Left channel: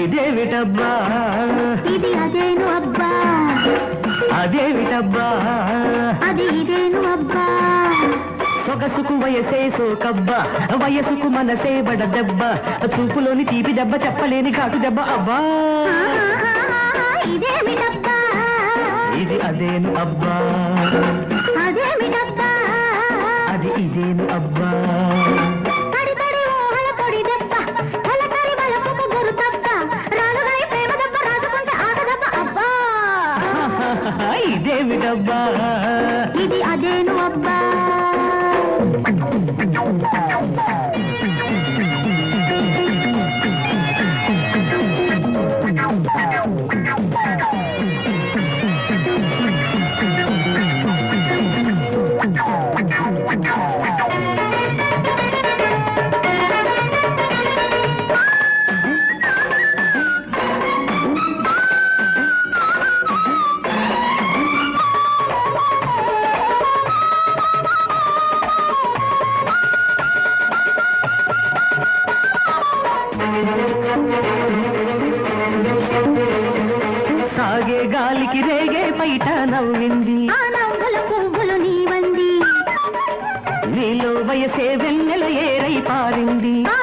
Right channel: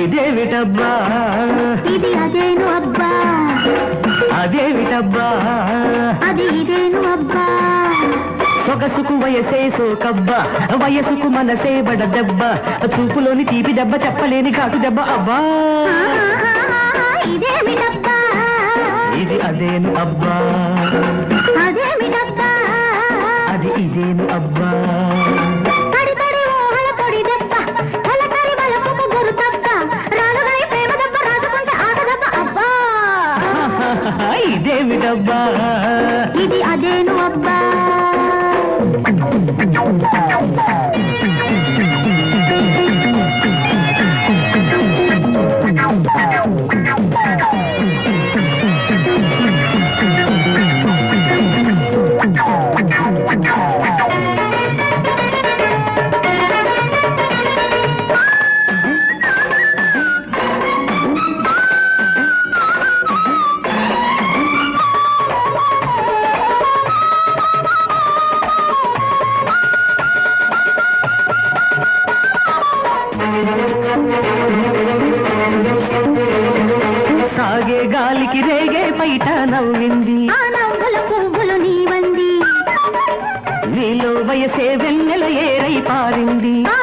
ఇదేమిటబ్బా ఇది అదేను అబ్బా, అదేమిటబ్బా అది ఇదేను అబ్బా. సొగసుకు వయసే సోకబ్బా, వయసుకు మనసే బడ దెబ్బ, చూపులోని తీపి దెబ్బ చెప్పలేని ఘాటు దెబ్బ అబ్బా. ఇదేమిటబ్బా ఇది అదేను అబ్బా, అదేమిటబ్బా అది ఇదేను అబ్బా. తడి తడి ఊహల పొడి దెబ్బ, తలకరి బలపుకు గురు దెబ్బ, రాలుగాయి ప్రేమ దెబ్బ, రాజుకుంటే ఆట దెబ్బ అబ్బా. ఇదేమిటబ్బా ఇది అదేను అబ్బా. సాగే గాలికి రేగే పైట నవ్వింది, ఆ నవ్వుల పువ్వులు నీవంది, నీలో వయసే వెన్నెల ఏరై పారింది. ఆ